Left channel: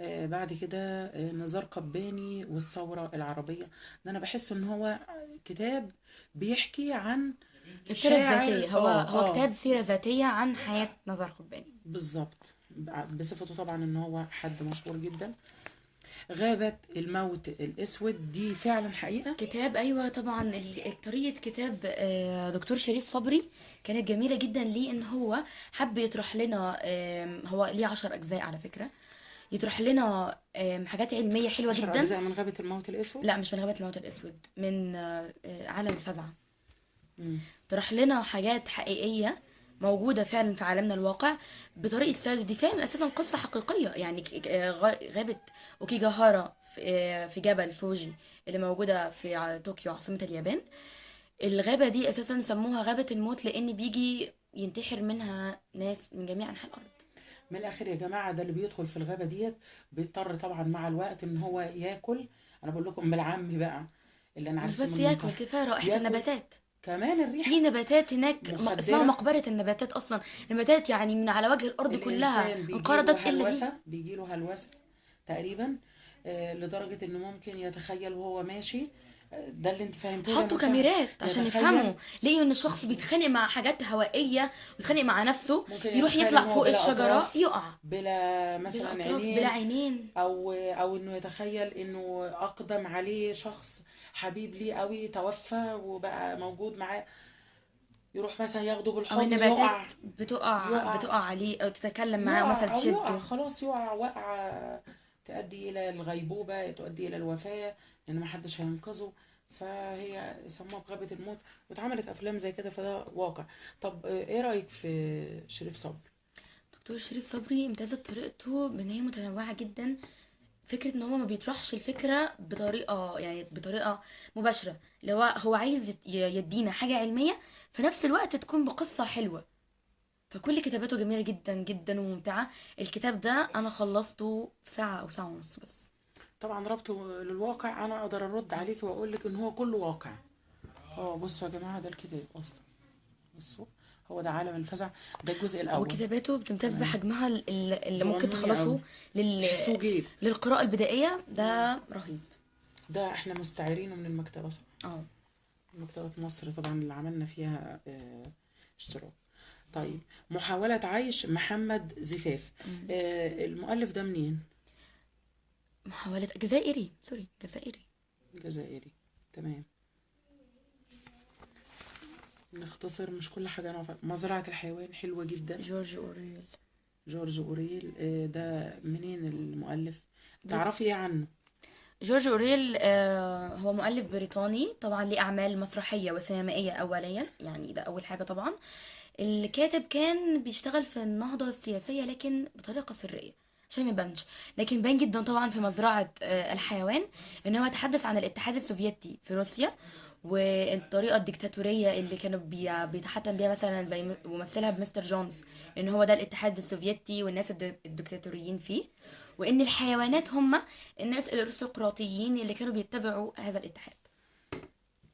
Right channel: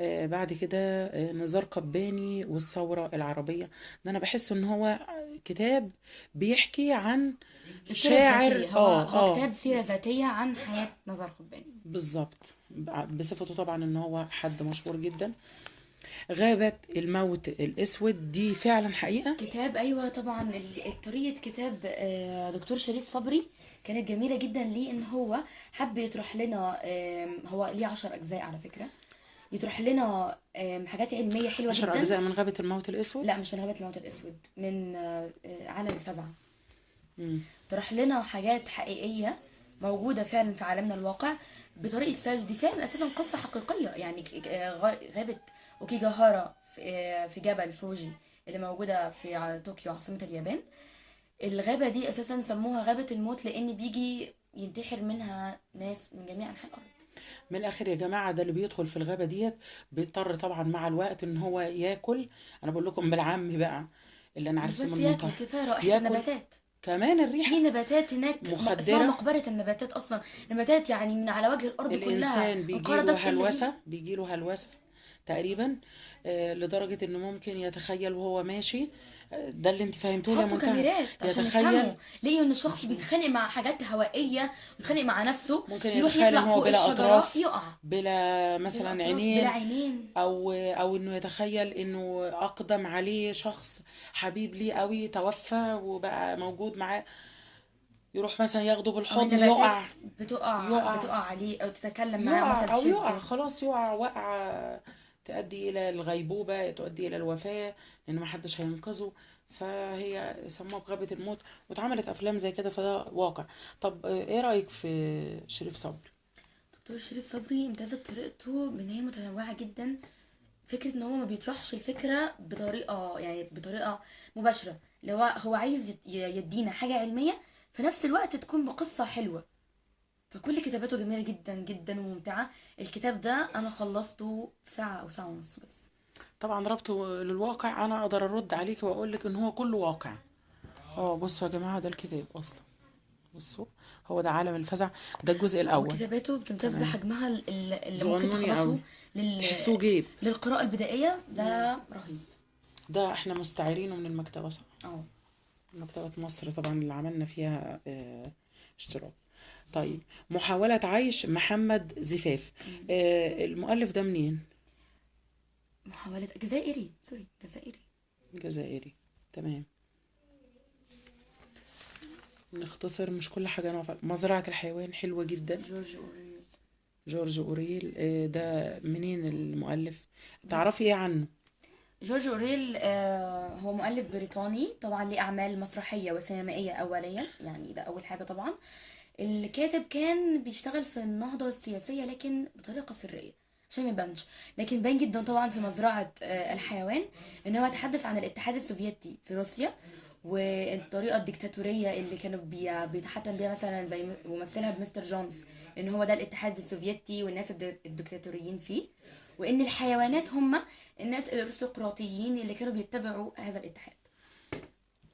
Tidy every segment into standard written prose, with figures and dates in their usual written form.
بعد كده نزار قباني والثورة العربية. ده أنا بحس إن هو كتاب بيحكي عن السيرة شاعر. الذاتية، هو كتاب سيرة ذاتية عن حياة نزار قباني. بالظبط. بصفته طبعا إن هو حد مشهور جدا. غابة الموت الأسود دي فعلا حقيقة. كتاب، ايوه طبعا. طريقه كتاب دكتور شريف صبري كانت جميله جدا، ليه ان هو حب يطرح لنا، هو ليه 10 اجزاء على فكره، يطرح لنا حاجات علميه حلوه 10 جدا. أجزاء من غابة الموت الأسود. لا، مش من غابه الموت الاسود، من عالم الفزع. مم. طرح لنا حاجات حقيقيه موجوده فعلا في عالمنا الواقع بطريقه سرد. دي فعلا اساسا قصه حقيقيه، يعني غابه اوكيجاهارا في جبل فوجي اللي موجوده في طوكيو عاصمه اليابان. الغابة دي أساسا سموها غابة الموت لأن بيجي ينتحر منها ناس من جميع أنحاء الأرض. من الآخر يا جماعة، ده اللي بيدخل في الغابة ديت بيضطر طبعا مع الوقت إن هو ياكل. أنا بقول لكم بالعام بقى اللي أنا مش عرفته بس من ياكل، المنطقة. كفاية رائحة ياكل النباتات. كمان في الريحة نباتات هناك اسمها مخدرة. مقبرة النباتات أصلا. نباتات يعني من على وجه الأرض كلها الإنسان انقرضت إلا دي. بيجيله هلوسة تقريبا. لدرجة إنه ممكن يتخيل وهو ماشي. ده اللي انت فهمتوه يا حطوا منتهى. كاميرات عشان يفهموا. يتخيل. لقيوا ان الشخص بيتخانق مع حاجات هوائية، بيتخانق مع نفسه، ممكن يروح يتخيل ان يطلع هو فوق بلا الشجرة اطراف، يقع. بلا بلا مثلا أطراف، بلا عينين. عينين. او انه يتخيل انه اقدم عليه شخص حبيب ليه قوي توفى وبقى موجود معاه، يروح مثلا ياخده أو بالحضن يقع. النباتات بتقع عليه أو تتكلم معاه مثلا او يقع تشده. خلاص، يقع وقعة تؤدي الى الغيبوبة، تؤدي الى الوفاة، لان محدش هينقذه. فهي سموها بغابة الموت، واتعملت افلام زي كده، فده واقع. طب ايه رأيك في شريف صبري؟ دكتور شريف صبري امتازت طريقته بان هي متنوعه جدا. فكره ان هو ما بيطرحش الفكره بطريقه مباشره، اللي هو عايز يدينا حاجه علميه في نفس الوقت تكون بقصه حلوه. فكل كتاباته جميله جدا جدا وممتعه. الكتاب ده انا خلصته في ساعه او ساعه ونص بس. طبعا ربطه للواقع، انا اقدر ارد عليك واقول لك ان هو كله واقع. بصوا يا جماعة، ده الكتاب اصلا. بصوا، هو ده عالم الفزع، ده الجزء هو الاول. كتاباته بتمتاز تمام. بحجمها اللي ممكن صغنوني قوي، تخلصه لل... تحسوه جيب. للقراءه البدائيه. ده رهيب. ده احنا مستعيرينه من المكتبة صح؟ اه. مكتبة مصر طبعا اللي عملنا فيها اشتراك. طيب، محاولة عيش محمد زفاف. المؤلف ده منين؟ محاولة جزائري، سوري جزائري. جزائري. تمام. نختصر، مش كل حاجة نوفل. مزرعة الحيوان حلوة جدا. جورج أوريل. جورج أوريل. ده منين المؤلف؟ تعرفي ايه عنه؟ جورج أوريل هو مؤلف بريطاني طبعا، ليه أعمال مسرحية وسينمائية أوليا، يعني ده أول حاجة طبعا. الكاتب كان بيشتغل في النهضة السياسية لكن بطريقة سرية عشان ما يبانش. لكن بان جدا طبعا في مزرعة الحيوان ان هو تحدث عن الاتحاد السوفيتي في روسيا، والطريقة الديكتاتورية اللي كانوا بيتحكم بيها مثلا زي ممثلها بمستر جونز، ان هو ده الاتحاد السوفيتي والناس الديكتاتوريين فيه، وان الحيوانات هم الناس الارستقراطيين اللي كانوا بيتبعوا هذا الاتحاد.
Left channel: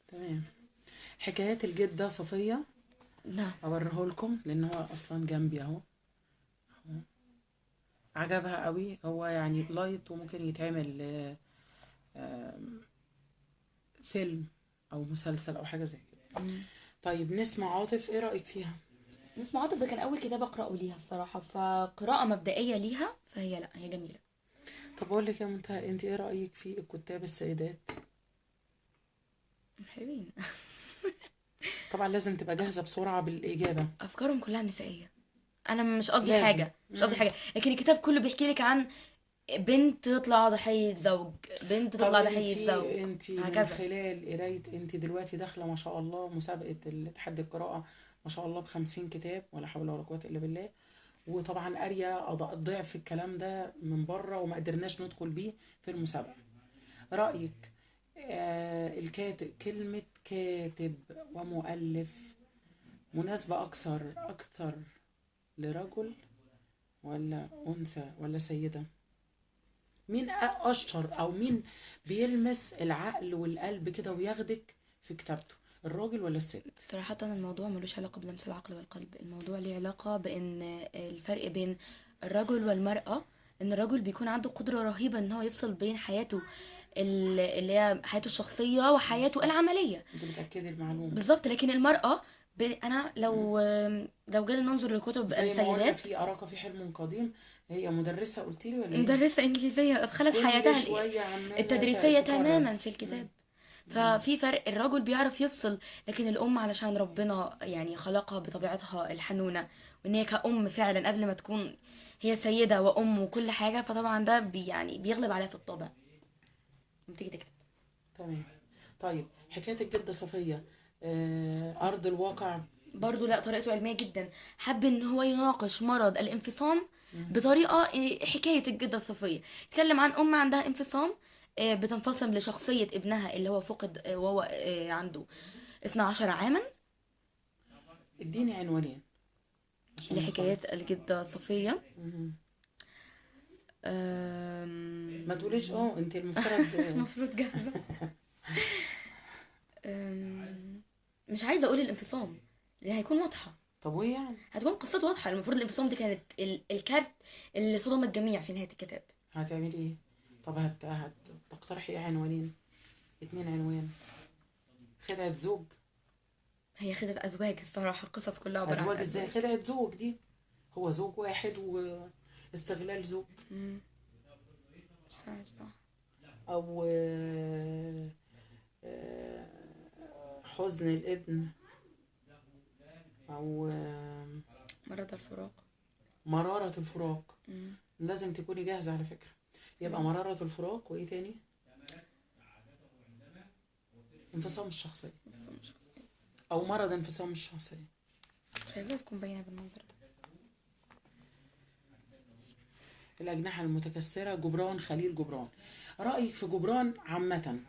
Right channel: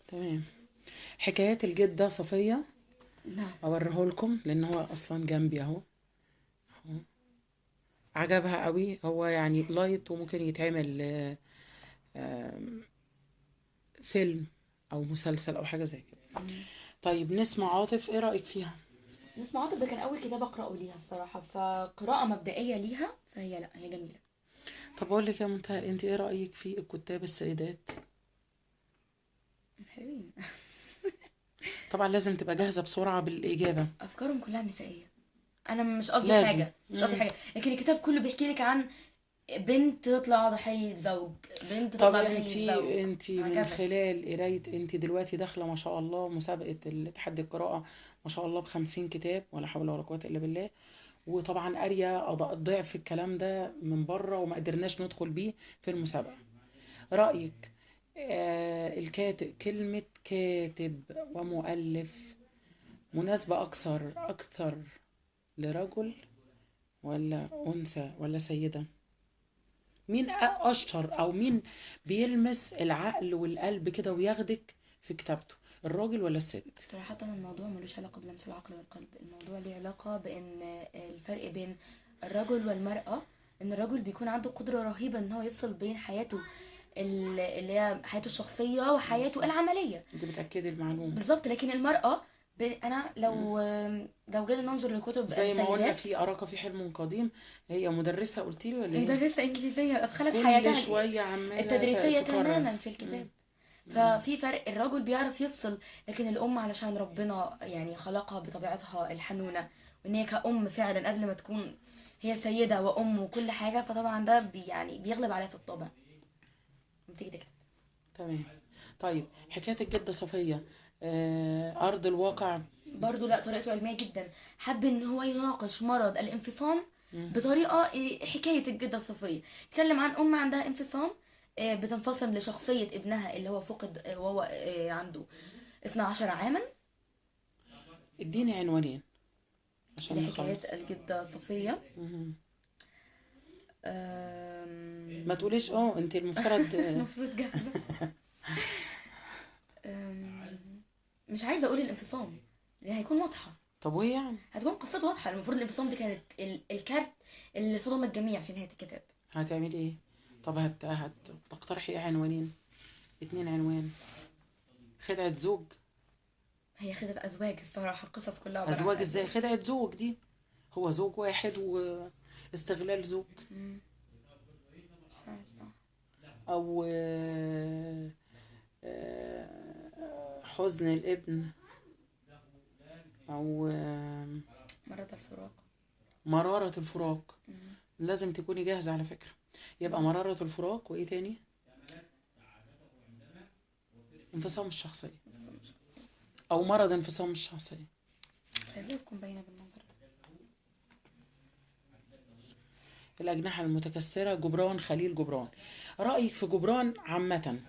تمام. حكايات الجدة صفية. نعم. اوريه لكم لان هو اصلا جنبي اهو. عجبها قوي، هو يعني لايت وممكن يتعمل فيلم او مسلسل او حاجة زي كده. طيب، نسمع عاطف، ايه رأيك فيها؟ نسمة عاطف ده كان أول كتاب أقرأه ليها الصراحة، فقراءة مبدئية ليها، فهي لأ هي جميلة. طب اقول لك يا منتهى، انت ايه رأيك في الكتاب السيدات؟ حلوين. طبعا لازم تبقى جاهزة بسرعة بالإجابة. أفكارهم كلها نسائية. أنا مش قصدي لازم. حاجة، مش قصدي حاجة، لكن الكتاب كله بيحكي لك عن بنت تطلع ضحية زوج، بنت طب تطلع ضحية زوج، انتي من هكذا. خلال قراية، انتي دلوقتي داخلة ما شاء الله مسابقة تحدي القراءة، ما شاء الله ب50 كتاب، ولا حول ولا قوة إلا بالله. وطبعا قارية ضعف الكلام ده من بره وما قدرناش ندخل بيه في المسابقة. رأيك الكاتب، كلمة كاتب ومؤلف، مناسبة أكثر لرجل ولا أنثى ولا سيدة؟ مين أشطر، أو مين بيلمس العقل والقلب كده وياخدك في كتابته، الراجل ولا الست؟ صراحة الموضوع ملوش علاقة بلمس العقل والقلب، الموضوع ليه علاقة بأن الفرق بين الرجل والمرأة ان الرجل بيكون عنده قدرة رهيبة ان هو يفصل بين حياته اللي هي حياته الشخصية وحياته بالظبط، العملية. انت بتأكدي المعلومة. بالظبط. لكن المرأة انا مم. لو جينا ننظر لكتب زي ما قلنا السيدات، في أراك في حلم قديم، هي مدرسة قلتي لي ولا ايه؟ مدرسة إنجليزية أدخلت كل حياتها شوية عمالة التدريسية تكرر. تماما في مم. الكتاب. مم. ففي فرق، الرجل بيعرف يفصل، لكن الأم علشان ربنا يعني خلقها بطبيعتها الحنونة، وإن هي كأم فعلا قبل ما تكون هي سيدة وأم وكل حاجة، فطبعا ده يعني بيغلب عليها في الطبع لما تيجي تكتب. تمام. طيب حكاية الجدة صفية، أرض الواقع. برضو لا، طريقته علمية جدا. حب ان هو يناقش مرض الانفصام مم. بطريقة حكاية الجدة الصفية. اتكلم عن ام عندها انفصام، بتنفصم لشخصية ابنها اللي هو فقد، وهو عنده 12 عاما. اديني عنوانين عشان لحكايات نخلص. الجدة صفية. مم. آم، ما تقوليش انت المفترض المفروض جاهزة. مش عايزة اقول الانفصام اللي هيكون واضحة، طب وايه يعني؟ هتكون قصته واضحة. المفروض الانفصام دي كانت الكارت اللي صدم الجميع في نهاية الكتاب. هتعملي ايه؟ طب تقترحي ايه عنوانين؟ اتنين عنوان. خدعة زوج. هي خدت ازواج الصراحه، القصص كلها عباره عن ازواج ازاي؟ ازواج. خدعة زوج دي هو زوج واحد واستغلال زوج. مم. فعلا. او حزن الابن، او مرض الفراق. مرارة الفراق. مم. لازم تكوني جاهزة على فكرة. يبقى مم. مرارة الفراق، وايه تاني؟ انفصام الشخصية، بس مش او مرض انفصام الشخصية. مش عايزاها تكون باينه بالمنظر ده. الأجنحة المتكسرة، جبران خليل جبران. رأيك في جبران عامة؟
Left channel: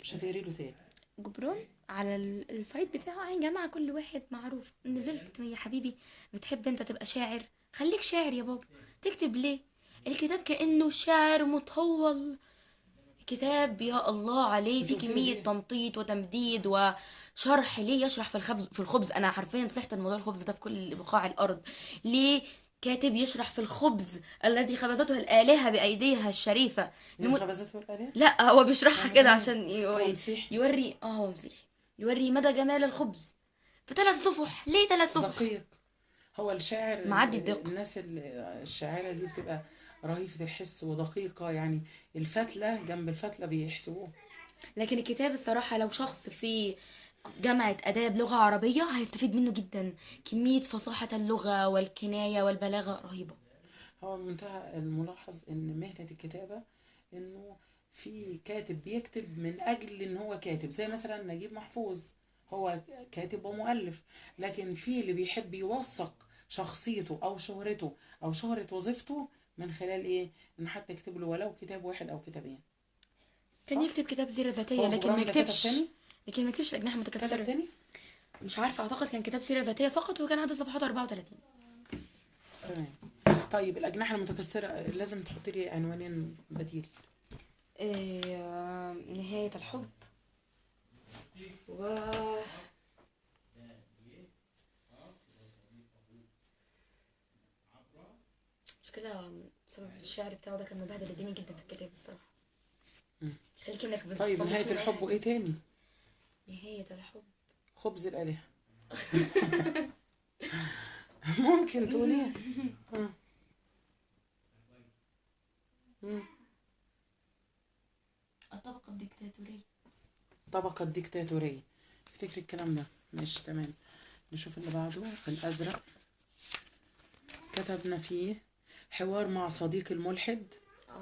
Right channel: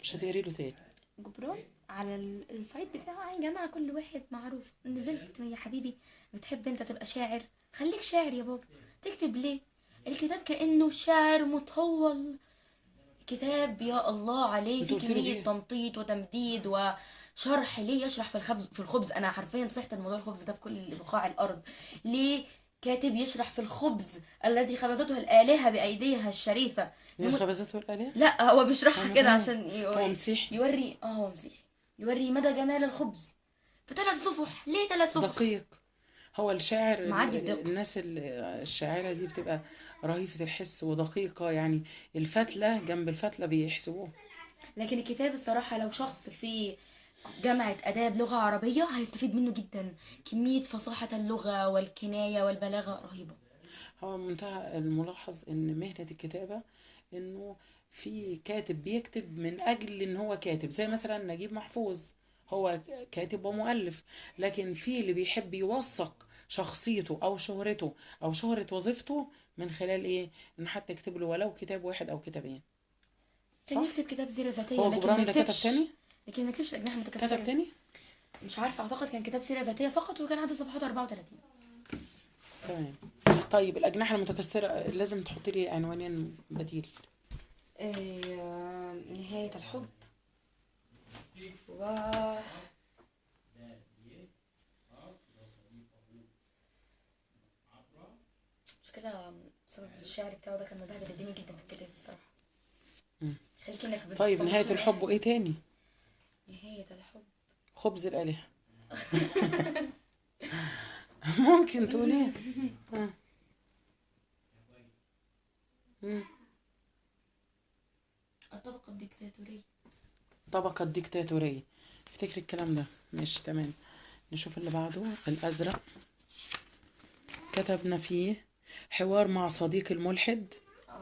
مش هتقري له تاني؟ جبران على الصعيد بتاعه يا جماعه، كل واحد معروف. نزلت يا حبيبي بتحب انت تبقى شاعر، خليك شاعر يا بابا. تكتب ليه؟ الكتاب كانه شعر مطول. كتاب يا الله عليه انت في قلت له كميه ايه؟ تمطيط وتمديد وشرح. ليه يشرح في الخبز انا حرفيا صحت الموضوع الخبز ده في كل بقاع الارض. ليه كاتب يشرح في الخبز الذي خبزته الآلهة بأيديها الشريفة؟ من الخبازات والآلهة؟ لا، هو بيشرحها كده هو عشان هو مسيحي يوري هو مسيحي، يوري مدى جمال الخبز في 3 صفح. ليه 3 صفح؟ دقيق. هو الشاعر معدي الدقة. الناس الشاعرة دي بتبقى رهيفة الحس ودقيقة يعني. الفتلة جنب الفتلة بيحسبوه. لكن الكتاب الصراحة لو شخص في جامعة آداب لغة عربية هيستفيد منه جدا. كمية فصاحة اللغة والكناية والبلاغة رهيبة. هو منتهى الملاحظ ان مهنة الكتابة انه في كاتب بيكتب من اجل ان هو كاتب، زي مثلا نجيب محفوظ، هو كاتب ومؤلف. لكن في اللي بيحب يوثق شخصيته او شهرته او شهرة وظيفته من خلال ايه؟ انه حتى يكتب له ولو كتاب واحد او كتابين. كان صح؟ يكتب كتاب سيرة ذاتية هو لكن ما جبران ده كتب يكتبش. تاني؟ لكن ما يكتبش أجنحة كتب متكسرة. تاني؟ مش عارفة، أعتقد كان كتاب سيرة ذاتية فقط، وكان عنده صفحات 34. تمام. طيب الأجنحة المتكسرة لازم تحط لي عنوانين بديل. نهاية الحب و مشكلة بسبب الشعر بتاعه ده كان مبهدل الدنيا جدا في الكتاب الصراحة. مم. خليك انك طيب نهاية بتستنشق الحب وإيه تاني؟ نهاية الحب. خبز الآلهة. ممكن تقولي. الطبقة الديكتاتورية. طبقة الديكتاتورية. افتكري الكلام ده. ماشي تمام. نشوف اللي بعده. الأزرق كتبنا فيه حوار مع صديق الملحد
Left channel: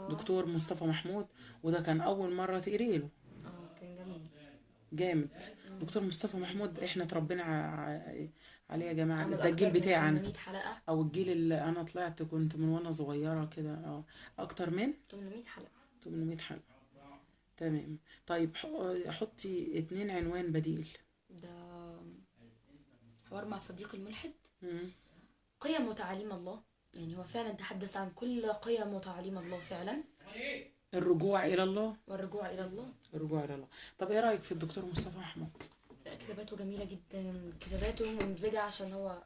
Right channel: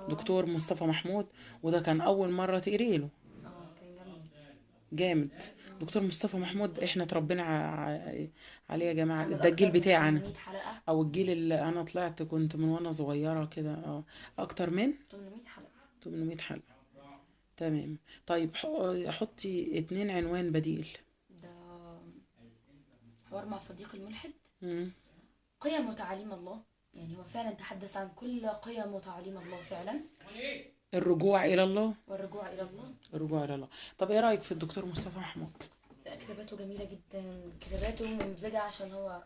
دكتور مصطفى محمود، وده كان أول مرة تقري له. كان جميل. جامد. دكتور مصطفى محمود احنا اتربينا عليه يا جماعة. عمل ده الجيل أكتر من بتاعنا 800 حلقة. او الجيل اللي انا طلعت كنت من وانا صغيرة كده. اكتر من 800 حلقة. 800 حلقة. تمام. طيب حطي 2 عنوان بديل. ده حوار مع صديق الملحد. مم. قيم وتعاليم الله، يعني هو فعلا تحدث عن كل قيم وتعاليم الله فعلا، الرجوع الى الله. والرجوع إلى الله. الرجوع الى الله. طب ايه رأيك في الدكتور مصطفى محمود؟ لا، كتاباته جميلة جدا، كتاباته ممزجة عشان هو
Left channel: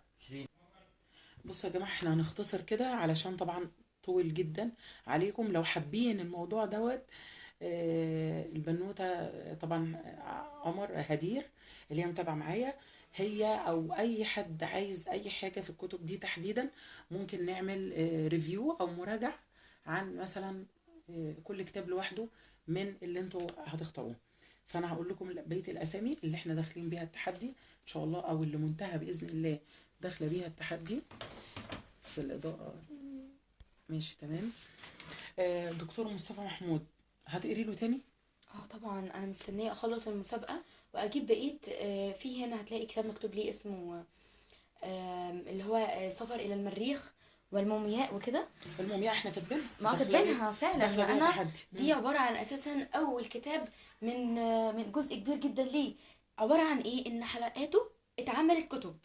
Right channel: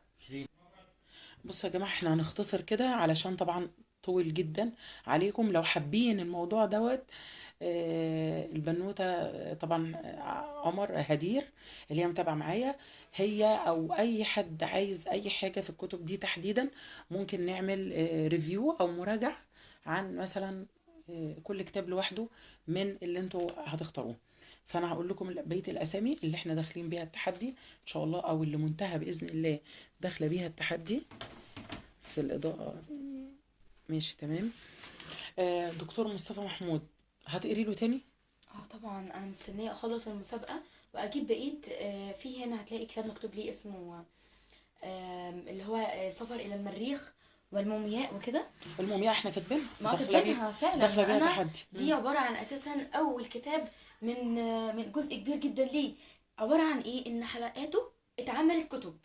بصوا يا جماعة احنا هنختصر كده علشان طبعا طويل جدا عليكم. لو حابين الموضوع دوت، البنوتة طبعا عمر هدير اللي هي متابعة معايا، هي او اي حد عايز اي حاجة في الكتب دي تحديدا، ممكن نعمل ريفيو او مراجعة عن مثلا كل كتاب لوحده من اللي انتوا هتختاروه. فانا هقول لكم بقية الاسامي اللي احنا داخلين بيها التحدي ان شاء الله، او اللي منتهى باذن الله داخله بيها التحدي. بس الاضاءة ماشي تمام. دكتور مصطفى محمود، هتقري له تاني؟ اه طبعا انا مستنيه اخلص المسابقه واجيب بقيه. في هنا هتلاقي كتاب مكتوب ليه اسمه اللي هو السفر الى المريخ والمومياء وكده. المومياء احنا كاتبينها ما داخله بيه، كاتبينها فعلا. داخله ما بيها انا تحدي. دي عباره عن اساسا اول كتاب من جزء كبير جدا ليه. عباره عن ايه؟ ان حلقاته اتعملت كتب،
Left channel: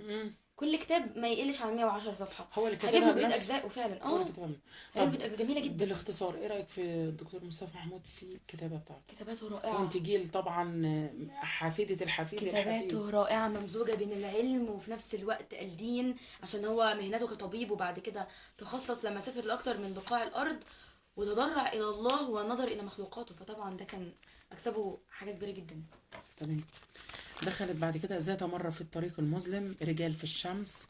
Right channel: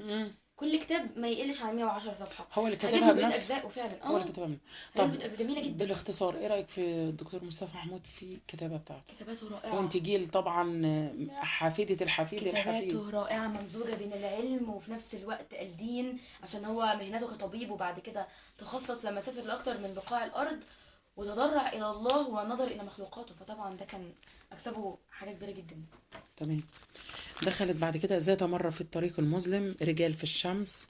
مم. كل كتاب ما يقلش عن 110 صفحه. هو اللي هجيب كاتبها له بقيه بنفسه، اجزائه فعلا. هو اللي كاتبها بنفسه. هجيب طب له بقية جميله جدا. بالاختصار، ايه رايك في الدكتور مصطفى محمود في الكتابه بتاعته؟ كتاباته رائعه. وانت جيل طبعا حفيده الحفيد الحفيد. كتاباته رائعة، ممزوجة بين العلم وفي نفس الوقت الدين، عشان هو مهنته كطبيب وبعد كده تخصص لما سافر لأكتر من بقاع الأرض وتضرع إلى الله ونظر إلى مخلوقاته، فطبعا ده كان أكسبه حاجة كبيرة جدا. تمام. دخلت بعد كده ذات مرة في الطريق المظلم، رجال في الشمس.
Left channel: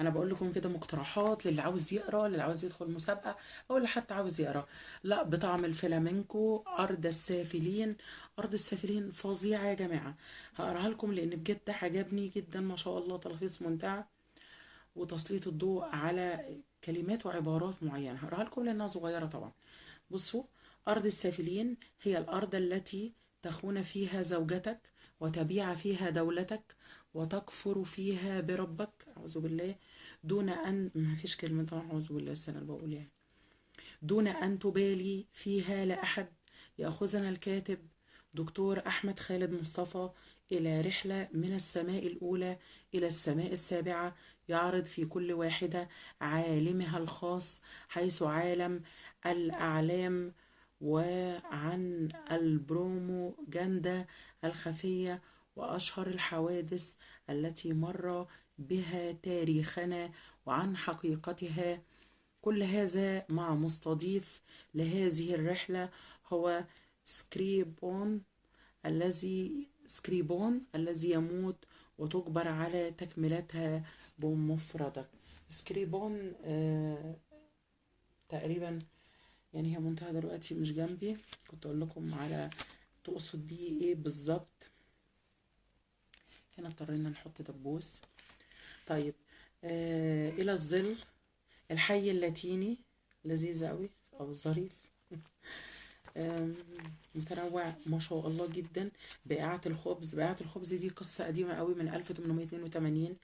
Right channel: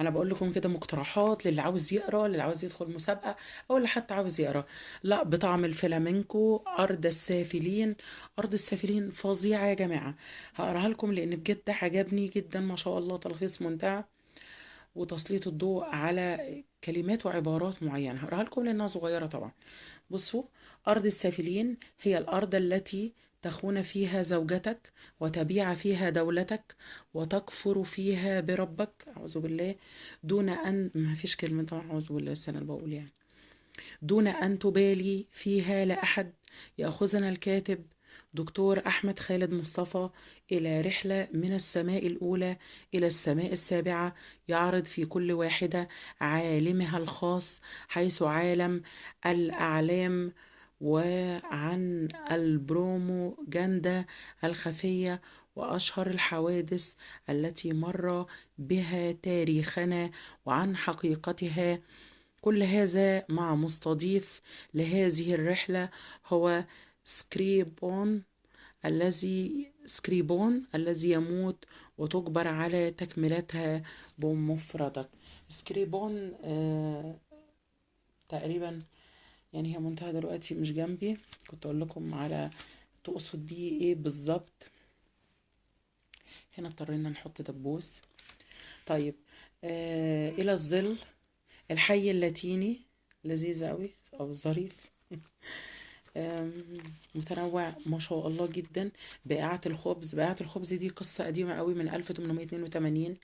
انا بقول لكم كده مقترحات للي عاوز يقرا، للي عاوز يدخل مسابقه، او اللي حتى عاوز يقرا. لا، بطعم الفلامنكو، ارض السافلين. ارض السافلين فظيعه يا جماعه، هقراها لكم لان بجد عجبني جدا ما شاء الله، تلخيص ممتع وتسليط الضوء على كلمات وعبارات معينه. هقراها لكم لانها صغيره طبعا. بصوا: أرض السافلين هي الأرض التي تخون فيها زوجتك وتبيع فيها دولتك وتكفر فيها بربك، أعوذ بالله، دون أن، ما فيش كلمة طبعا أعوذ بالله، السنة اللي بقول يعني، دون أن تبالي فيها لأحد. يأخذنا الكاتب دكتور أحمد خالد مصطفى إلى رحلة من السماء الأولى إلى السماء السابعة، يعرض في كل واحدة عالمها الخاص، حيث عالم الأعلام، وعن البروموجندا الخفية وأشهر الحوادث التي مر بها تاريخنا وعن حقيقتها. كل هذا مع مستضيف لهذه الرحلة هو سكريبون الذي يموت وتجبر على تكملتها بمفردك. سكريبون تقريبا يعني هي منتهى دلوقتي مش جنبي، كنت اقول لكم على تقصد بيه ايه بالظبط. هنا اضطرينا نحط دبوس. طيب الى الظل، الحي اللاتيني، لذيذ قوي او ظريف. متنوع ما شاء الله جدا. بائعة الخبز، بائعة الخبز دي قصة قديمة قوي من 1882.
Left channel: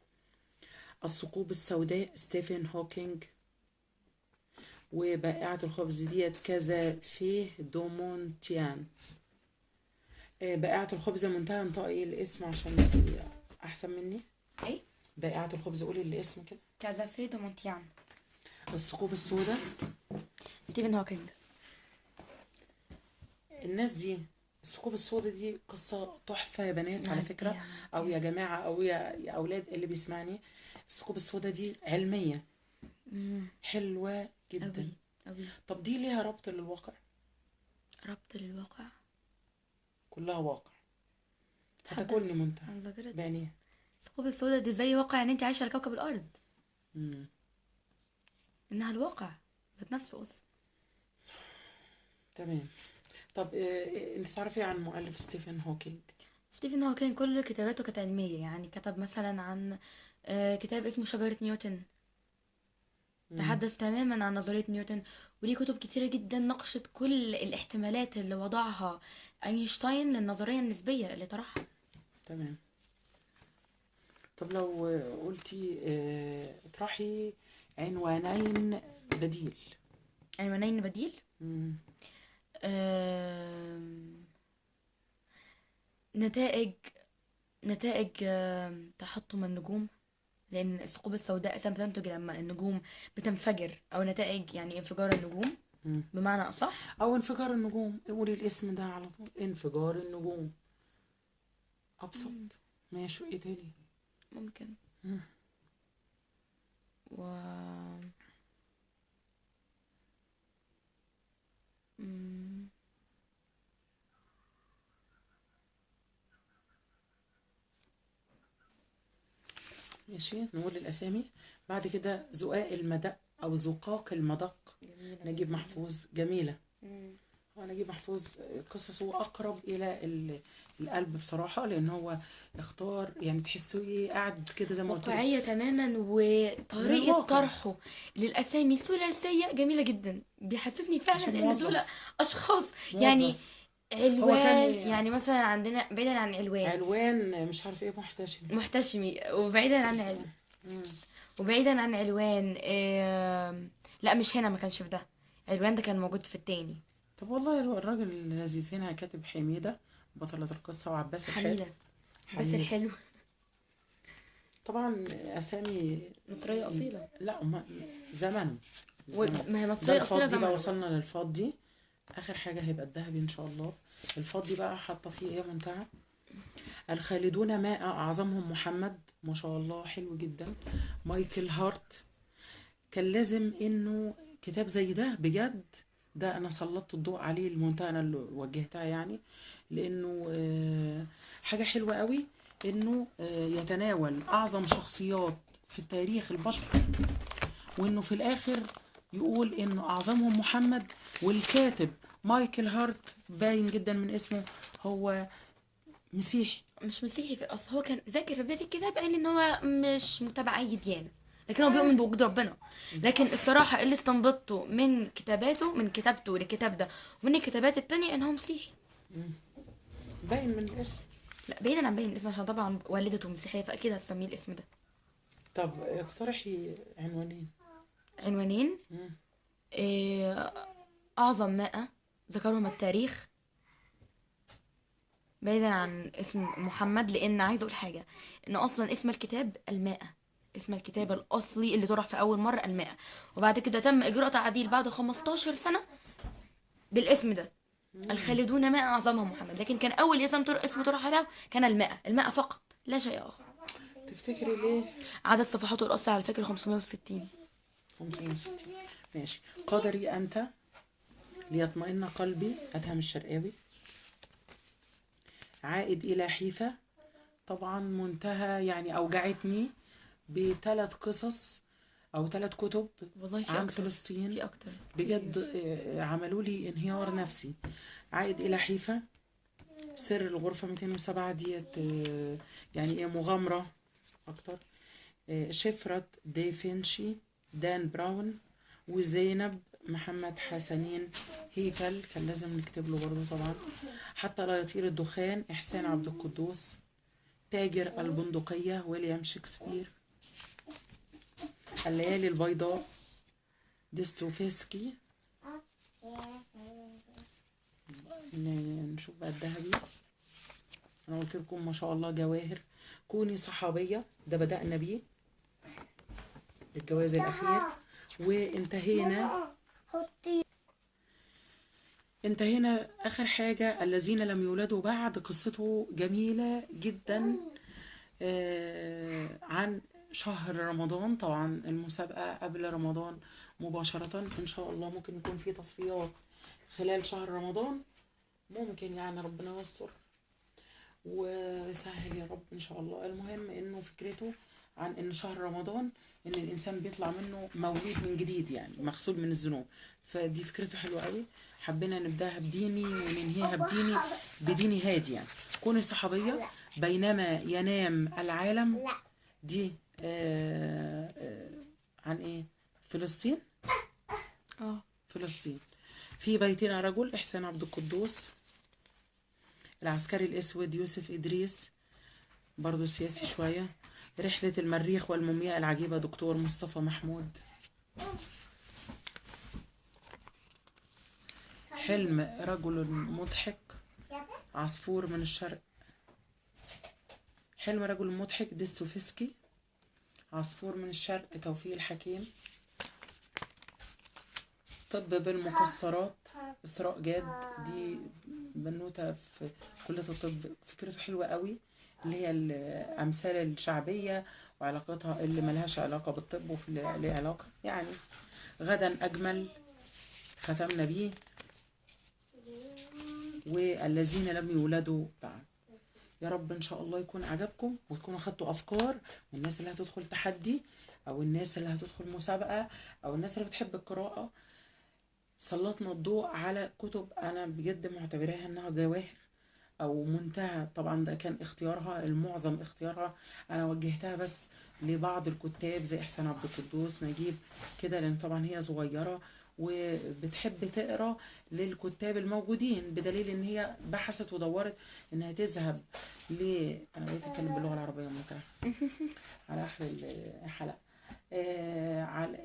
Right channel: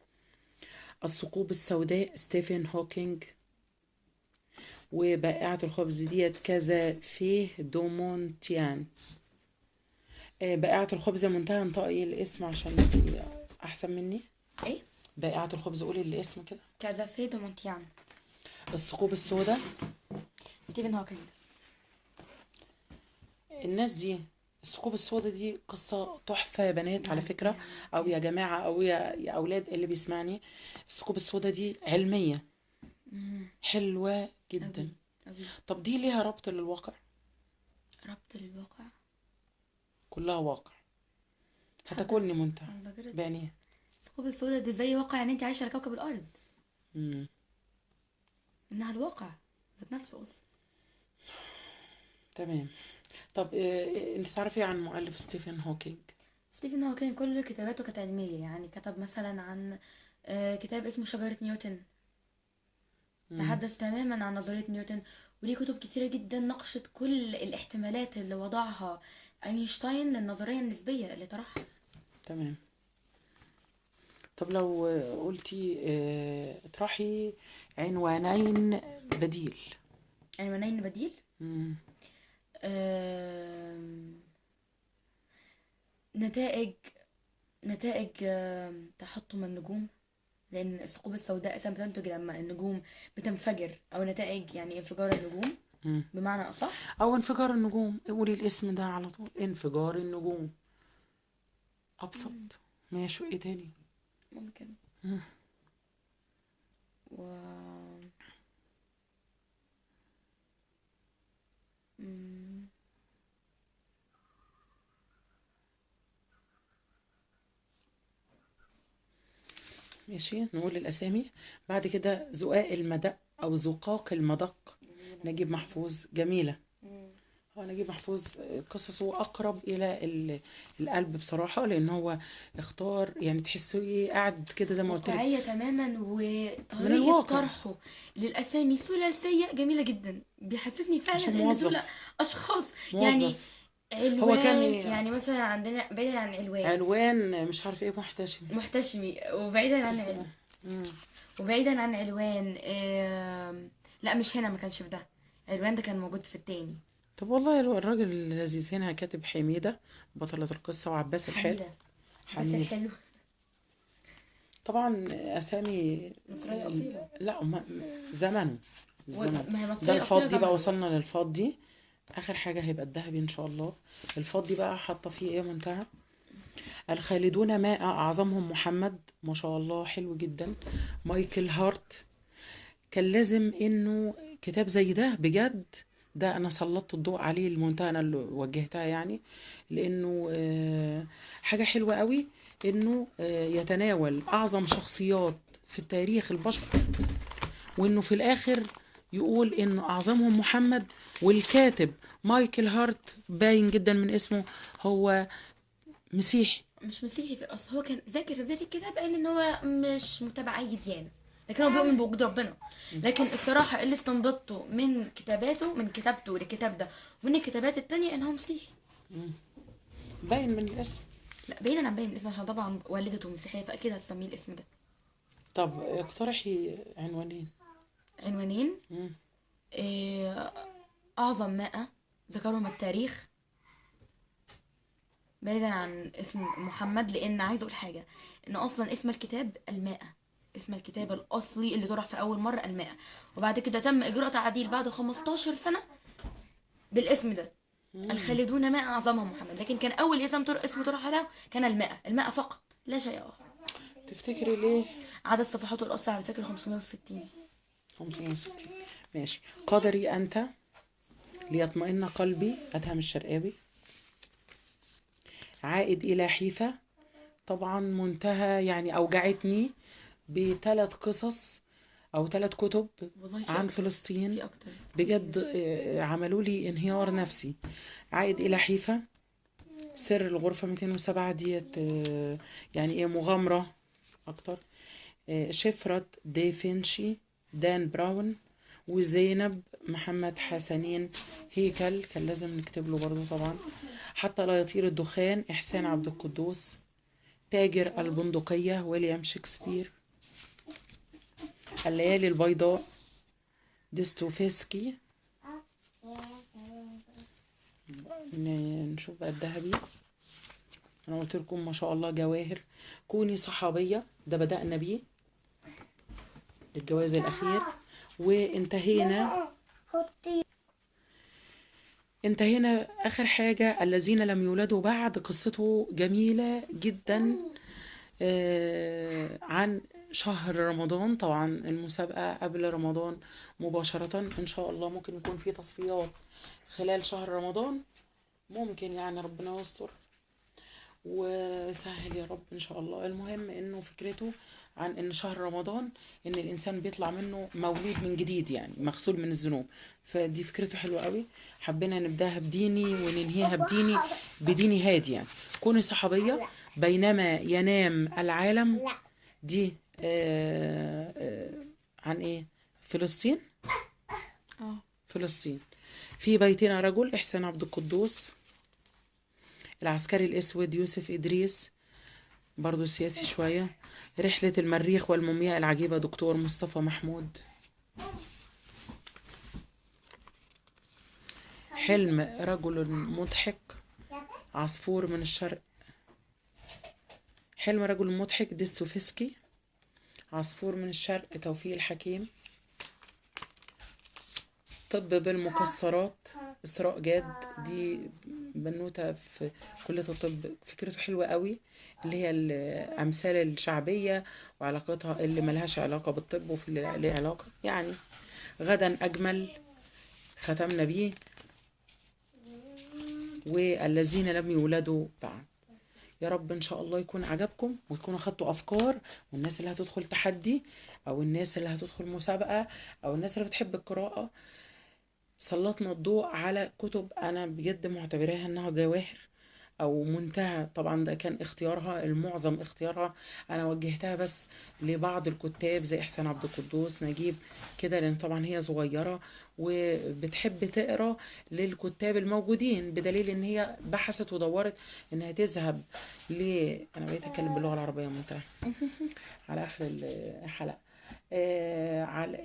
الثقوب السوداء، ستيفن هوكينج. وبائعة الخبز ديت كذا في دومونتيان. بائعة الخبز منتهى انطقي الاسم عشان انتي احسن مني. ايه؟ بائعة الخبز، قولي الاسم كده. كازافي دومونتيان. الثقوب السوداء، ستيفن هوكينج. الناس دي، الثقوب السوداء دي قصة تحفة يا بنات على فكرة، يعني أو يا جماعة، أو يا أولاد اللي بيسمعني. الثقوب السوداء دي علمية حلوة جدا. أوي أوي. طب دي ليها ربط للواقع؟ ربط للواقع؟ كلها واقع، هتاكلني منتهى أنا ذاكرت بانية. الثقوب السوداء دي زي واقع ان انت عايشه على كوكب الارض، مم. انها الواقع ذات نفسه اصلا. تمام. طب انت تعرفي عن مؤلف ستيفن هوكينج؟ ستيفن هوكينج كل كتاباته كانت علميه، يعني كتب مثلا عن كتاب اسمه شجره نيوتن، تحدث تماما عن نظريه نيوتن. وليه كتب كتيره جدا ناقشت كل الاحتمالات اللي وضعها اينشتاين للنظريه النسبيه اللي طرحها. تمام. طب لو قلتي اطرحي عنوانين بديل. عنوانين بديل؟ مم. نتائج تحطم النجوم، لان الثقوب السوداء اساسا بتنتج لما النجوم بتنفجر، او نتائج يعني انفجار النجوم بمعنى اصح. او انفجار النجوم، قولي الاسم ده على طول، انفجار النجوم، ابسط. ماشي، ايه تاني ممكن و ماشي، نقول الأسامي. بعد كده زقاق المدق أو زقاق المدق، نجيب محفوظ. جميلة. هو نجيب محفوظ قصصه أقرب إلى القلب بصراحة، لأن هو اختار يعني تحسه إيه قاعد كده زي ما قلت لك واقعية تماما، من وطريقة الواقع، طرحه للأسامي ثلاثية جميلة جدا، بيحسسني عشان فعلا إن دول موظف. أشخاص. يعني موظف. هو كان علوان، يعني مثلا عندنا بعيدا عن علوان علوان مش عارف إيه محتشم. محتشمي، وبعيدا عن اسمه إيه؟ مم. وبعيدا عن علوان لا مش هنا، ما كانش في ده. علوان ده كان موجود في التاني. طب والله الراجل لذيذ. هنا كاتب حميدة بطلة القصة، وعباس الحلو. حميدة بس حميد. الحلو. طبعا أسامي. مصرية أصيلة. لا زمن. الزمن ما هي ده مصرية أصيلة الفضي بقى، زمن. وصلنا للفضي. آخر حاجة هيبقى الذهبي إن شاء الله. الفضي بقى حاطة فيه إيه منتهى الخالدون ماء أعظمهم محمد. ما شاء الله حلو جدا. مايكل هارت. كان لازم إنه كتاب زي ده بجد، ده أنا سلطت الضوء عليه المنتهى، أنا اللي وجهتها يعني، لأنه حاجة حلوة قوي إنه يتناول أعظم شخصيات في التاريخ البشر، وإنه في الآخر يقول إنه أعظمهم محمد. والكاتب مايكل هارت باين جدا من اسمه هو مسيحي. مش مسيحي، في اصل هو كان ذاكر في بدايه الكتاب قايل ان هو مش متابع اي ديانه، لكن هو بيؤمن بوجود ربنا. لكن الصراحه اللي استنبطته من كتاباته، من كتابته للكتاب ده ومن الكتابات التانية، ان هو مسيحي. باين من الاسم. لا بعيدا عن باين الاسم، عشان طبعا والدته مسيحيه فاكيد هتسميه الاسم ده. طب اقترحي عنوانين. عنوانين. مم. إيه، اعظم 100 ذكرهم التاريخ، بعيدا عن اسم محمد. لان عايزه اقول حاجه، ان اصلا اسم الكتاب المائة، اسم الكتاب الاصلي اللي طرح في اول مره المائة، وبعد كده تم اجراء تعديل بعد 15 سنه بالاسم ده، الخالدون ماء اعظمهم محمد. لكن كان اول اسم طرح له كان المائة، المائة فقط لا شيء اخر. تفتكري ليه؟ عدد صفحاته الاصلي على فكره 560. 560. ماشي. قدري أنت، ليطمئن قلبي، أدهم الشرقاوي. عائد إلى حيفا، طبعا منتهى يعني أوجعتني بثلاث قصص أو ثلاث كتب والله في عن اكتر، فلسطين. في اكتر بجد عملوا لي انهيار نفسي. عائد إلى حيفا، سر الغرفة 207 ديت يعني إيه مغامرة أكتر. شفرة دافنشي، دان براون. وزينب محمد حسنين هيكل، كان لازم نكتب له برضه طبعا. حتى لا يطير الدخان، إحسان عبد القدوس. تاجر البندقية، ويليام شكسبير. الليالي البيضاء، ديستوفيسكي. نشوف بقى الذهبي. انا قلت لكم ما شاء الله جواهر. كوني صحابية، ده بدأنا بيه الجواز الأخير. انتهينا آخر حاجة الذين لم يولدوا بعد. قصته جميلة جدا عن شهر رمضان. طبعا المسابقة قبل رمضان مباشرة إن شاء الله. ممكن يكون في تصفيات خلال شهر رمضان، ممكن يعني ربنا يستر وسهل يا رب إن شاء الله. المهم إنه فكرته عن إن شهر رمضان إن الإنسان بيطلع منه مولود من جديد، يعني مغسول من الذنوب. فدي فكرته حلوة قوي. حبينا نبداها بديني وننهيها بديني هادي يعني. كوني صحابية بينما ينام العالم. دي عن ايه؟ فلسطين. فلسطين. في بيتنا رجل، إحسان عبد القدوس. العسكري الأسود، يوسف إدريس، برضو سياسي شوية. رحلة المريخ والمومياء العجيبة، دكتور مصطفى محمود. حلم رجل مضحك، عصفور من الشرق. حلم رجل مضحك، ديستوفسكي. عصفور من الشرق، توفيق الحكيم. طب بالمكسرات، إسراء جاد. دي بنوتة في كلية الطب، فكرته حلوة قوي، اللي هي الأمثال الشعبية وعلاقتها اللي ملهاش علاقة بالطب وفي اللي ليه علاقة يعني. غدا أجمل، ختمنا بيه. والذين لم يولدوا بعد. يا رب ان شاء الله يكون عجبكم وتكونوا خدتوا افكار، والناس اللي هتدخل تحدي او الناس اللي هتدخل مسابقة او الناس اللي بتحب القراءة، سلطنا الضوء على كتب انا بجد معتبراها انها جواهر او منتهى. طبعا ده كان اختيارها، المعظم اختيارها انا وجهتها بس لبعض الكتاب زي احسان عبد القدوس، نجيب كده، لان طبعا هي صغيرة وبتحب تقرا للكتاب الموجودين، بدليل ان هي بحثت ودورت انها تذهب ل، انا بقيت اتكلم باللغة العربية منتهى على اخر الحلقة. على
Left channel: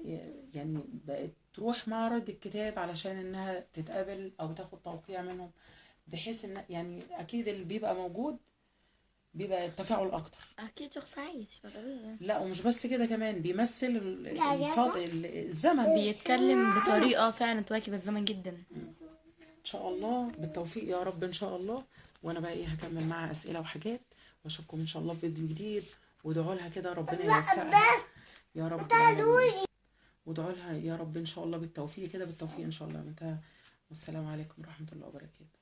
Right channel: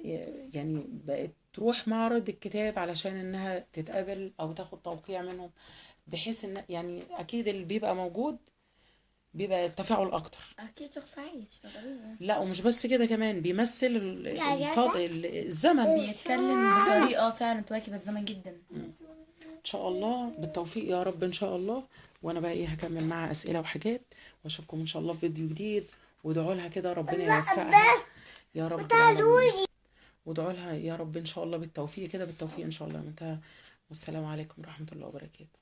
يعني بقت تروح معرض الكتاب علشان انها تتقابل او تاخد توقيع منهم، بحيث ان يعني اكيد اللي بيبقى موجود بيبقى التفاعل اكتر. اكيد شخص عايش طبيعي. لا ومش بس كده، كمان بيمثل الزمن. بيتكلم بطريقة فعلا تواكب الزمن جدا. ان شاء الله بالتوفيق يا رب ان شاء الله. وانا بقى ايه هكمل معاها اسئله وحاجات، واشوفكم ان شاء الله في فيديو جديد. وادعوا لها كده ربنا يوفقها يا رب العالمين، وادعوا لها يا رب ان شاء الله بالتوفيق كده، بالتوفيق ان شاء الله. منتهى. والسلام عليكم ورحمه الله وبركاته.